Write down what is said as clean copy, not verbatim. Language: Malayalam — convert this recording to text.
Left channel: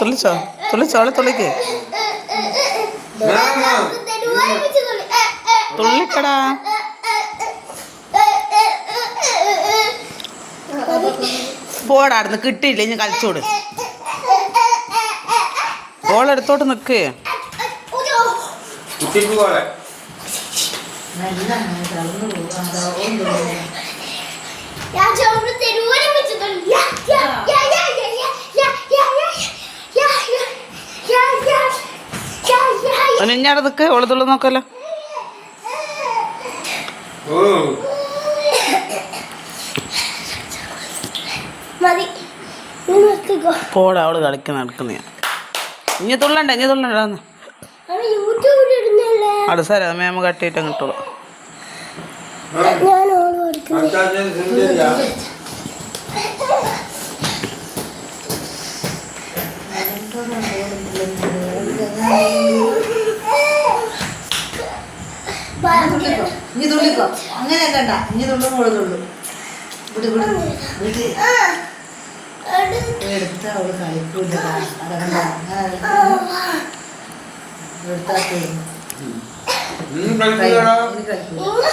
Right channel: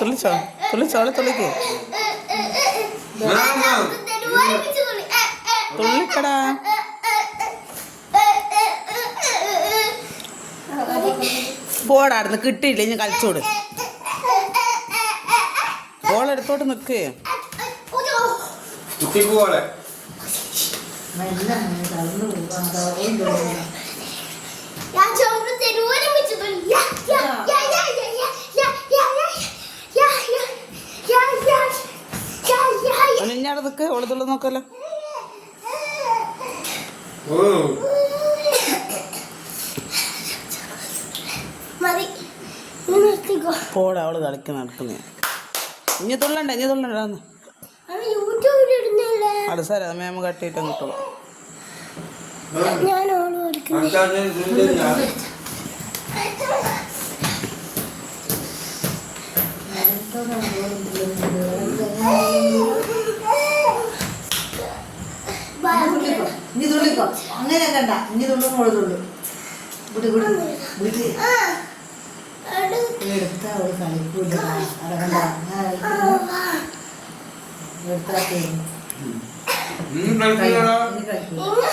തുള്ളിച്ചോ തുള്ളിച്ചോളെ തുള്ളിക്ക് തുള്ളിക്കടാ. പോടാടുന്ന് കിട്ടിയില്ല ഇനി കളിച്ചോട്. ബോളെടുത്തോട്ട് നിക്ക്. ഇഞ്ഞാടെ നിക്ക്. ഓള് തുള്ളു നോക്കല്ലോ. പോടാ അവള് കളിക്കുന്ന നടക്കുന്ന. ഇനി തുള്ളണ്ട ഇനി തുള്ളണ്ട. അത് സാര മേമ കട്ടിയിട്ട് കിട്ടുള്ളൂ. ഇനി തുള്ളിക്കോ. അങ്ങനെ കണ്ട ഇനി തുള്ളും കൂടെ തുള്ളു. എടുത്ത അവള് കളിക്കൂല. അതകണ്ട എടുത്താ കളിക്കൂല.